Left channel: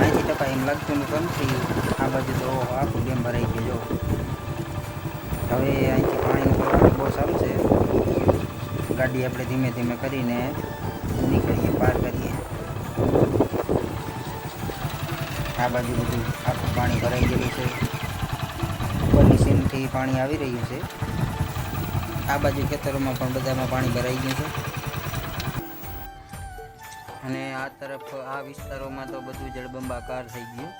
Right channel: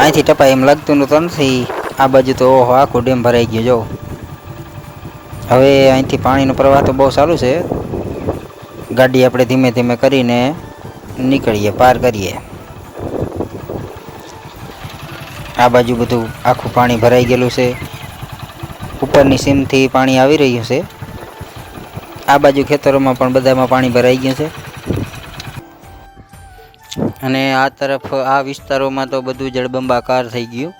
અહીંથી ટપાય એમ લાગતું નથી. આ બાજુ તો ઓહો આખો ડેમ ભરાઈ ગયો જો. હવે અહીંથી પાણીનો પ્રવાહ તો બહુ સારું છે. ગાડી આપણે ધીમે ધીમે કરીને નીકળીએ, પાર કરીએ. આ બાજુ બધું આખું પાણી ભરાઈ ગયેલું છે. ઉપરની સીમથી પાણી આવી રહ્યું છે. આ બાજુ ખેતરોમાં પણ બધામાં પાણી ભરાઈ ગયું છે. અને આ તરફ આ વિસ્તારોમાં તો બધું જળબંબાકાર થઈ ગયું.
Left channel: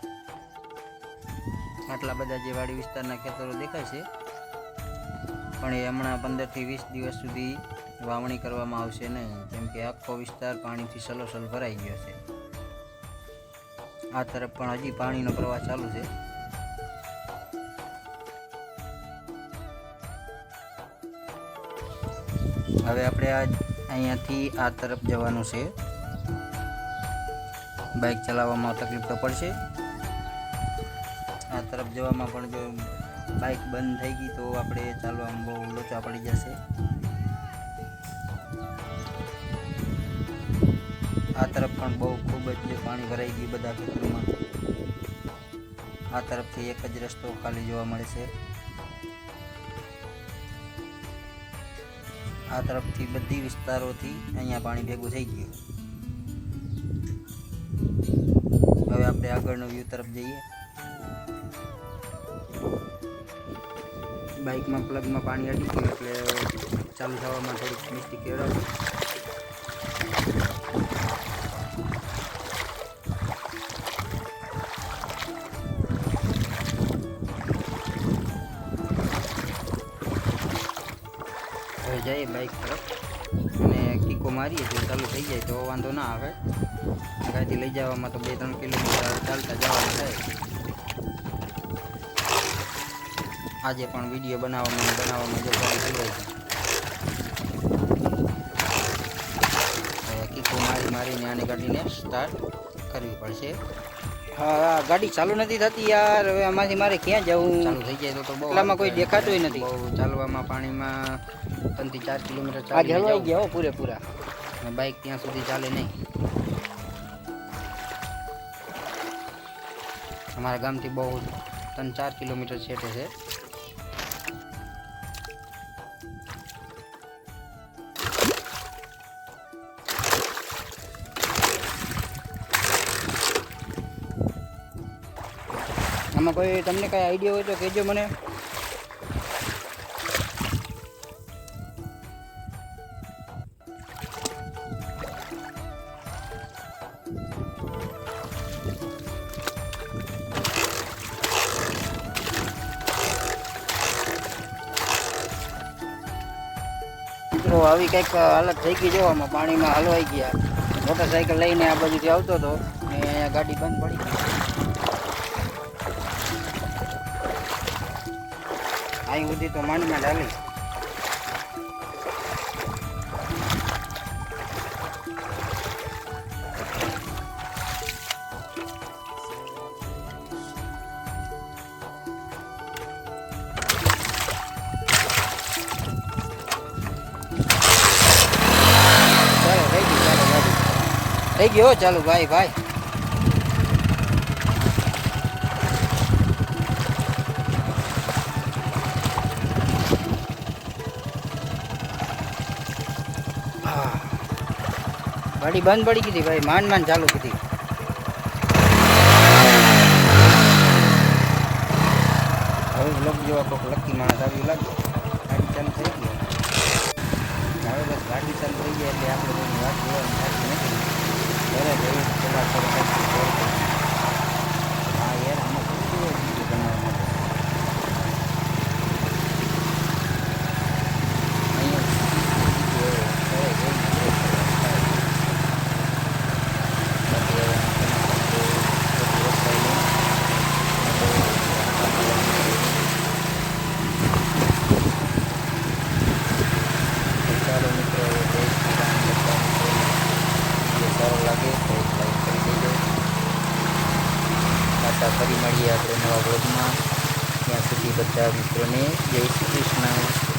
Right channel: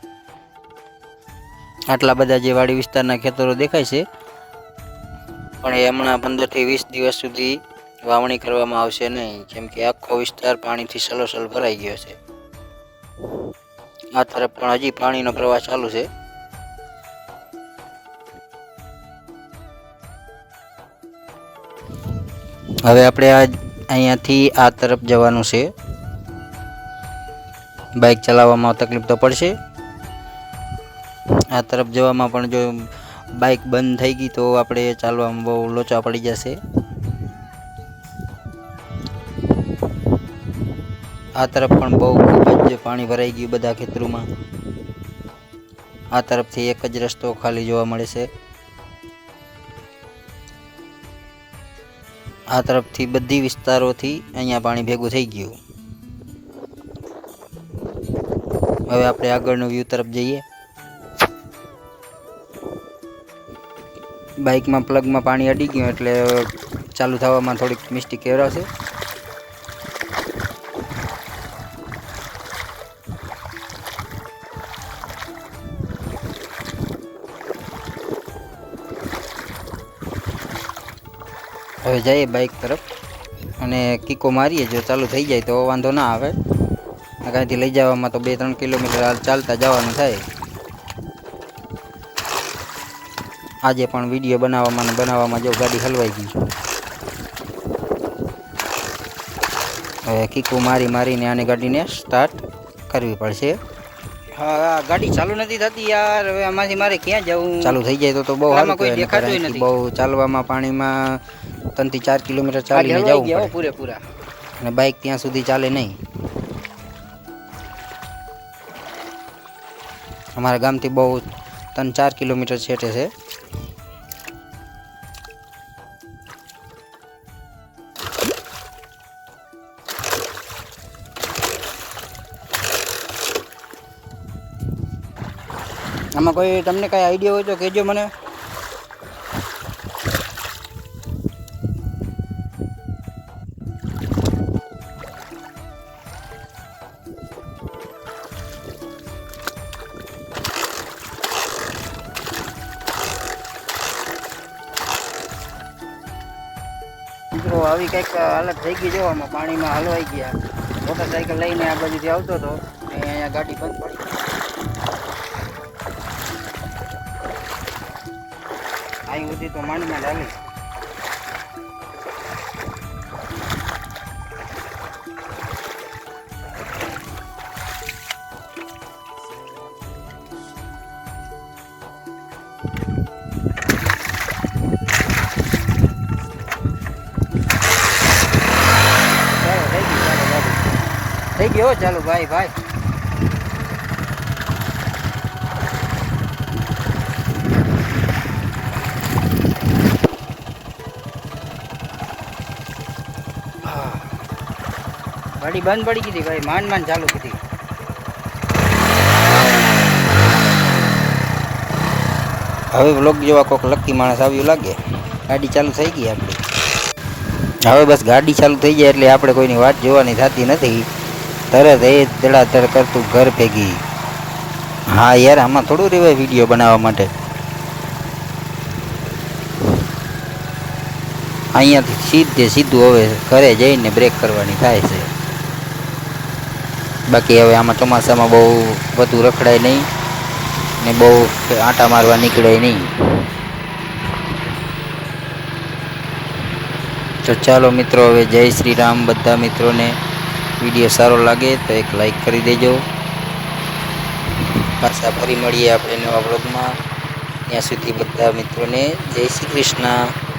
આટલા બધા જે વાડી વિસ્તારના ખેતરો દેખાય છે, પણ એ હમણાં 15 થી 20 દિવસ સુધી વાવણી કરવામાં આવશે નહીં, કેમ કે આખો વિસ્તાર પાણીથી સલોસલ ભરાઈ ગયો છે. આ તરફ પણ હજી પાણીનો પ્રવાહ ચાલુ છે. હવે આપણે અહીંયાથી આ તરફ જવાનું છે. બાઇક ચલાવવામાં તકલીફ તો પડશે. આ તરફ જવામાં પણ જો બાઇક બંધ થઈ ગઈ તો આપણે ચાલવામાં બહુ લોચા પડી જશે. આ તરફ પણ બહુ ખૂબ જ પાણી ભરાઈ ગયું બધા ખેતરોમાં. આ તરફથી એક જ રસ્તો ખાલી જોવા મળે છે. આ તરફથી બધી વિસ્તારોથી અહીંયા પાણી ભેગું થઈ ગયું. હવે આપણે આગળનો વ્યૂ તરફ જઈએ. બાઇકમાં પ્લગમાં પાણી અડી ગયું એટલે ચાલુ થવામાં થોડીક મિસ્ટેક કરાવશે. હવે જઈએ બાઇક તરફ અને કીકો મારીએ. જો ચાલુ થઈ જાય તો વાંધો ના આવે. કાંઈથી લઈ જવામાં તો 2-3 કિલોમીટર ચાલતા જવાનું થાય. આજે પણ વિડીયો બનાવવામાં જો ગાડી હલવાઈ ગઈ. હવે કીકો મારીને આને ગાડીને સ્ટાર્ટ કરવી પડશે. હા, ગાડી ચાલુ નથી થતી યાર. હવે આમાંથી મારે ક્યાં જવું? ચાલુ થઈ જાય તો બહુ આમાં કોઈ દેખાતું નથી. બહુ ચાલવામાં પાણીમાં 3 થી 4 કિલોમીટર ચાલીને જવું પડે પૂરેપૂરા. અને બાઇક ત્યાં સુધી ચાલે નહીં. અમારા ગામથી બહુ 3-4 કિલોમીટર છેટે છે. આમાં કોઈ તમને કાંઈ આઈડિયા હોય તો કહેજો મને. મિત્રો આવી કંઈક હાલત થઈ ગઈ જોવામાં. પાણીમાં હલવાઈ ગયા. મોટરસાઇકલ લઈને આ બાજુથી આવતો હતો અને અહીંયા ગાડી બંધ પડી ગઈ. અહીં સુધી તો માંડમાં ચાલી. થઈ ગયો ચાલો ભાઈ. ગાડી બંધ પડી ગઈ ભાઈ. માંડ ચાલુ હતી. હવે વ્લોગ જેવા કોઈક લકી માણસ આવ્યું લાગે. ગાડી ચાલુ થઈ ગઈ આપણી. હવે બસ ગાડી ચાલુ થઈ જાય એટલે આપણે કોઈની વાત જોવાની થતી નથી. તરત એ તડાતર કરતું ઘર ભેગી. હા યાર, આમાં થોડું રહેવાય વિડીયો બનાવવા માટે. અહીંયા સીધું હવે ઘરે જઈને બ્રેક કરવાની થાય છે. બાકી હવે આમાં ચોમાસામાં બહુ વધુ રખડાય નહીં ને બહુ આંટા મારવા નીકળે નહીં. તો ચાલો મિત્રો, હવે જય શ્રી રામ. બધા મિત્રોને વિડીયો સારો લાગે તો એક લાઈક કરી દેજો. પાછા ફરી મળીએ આપણે નવા વ્લોગમાં. ત્યાં સુધી બધા મિત્રોને જય શ્રી કૃષ્ણ.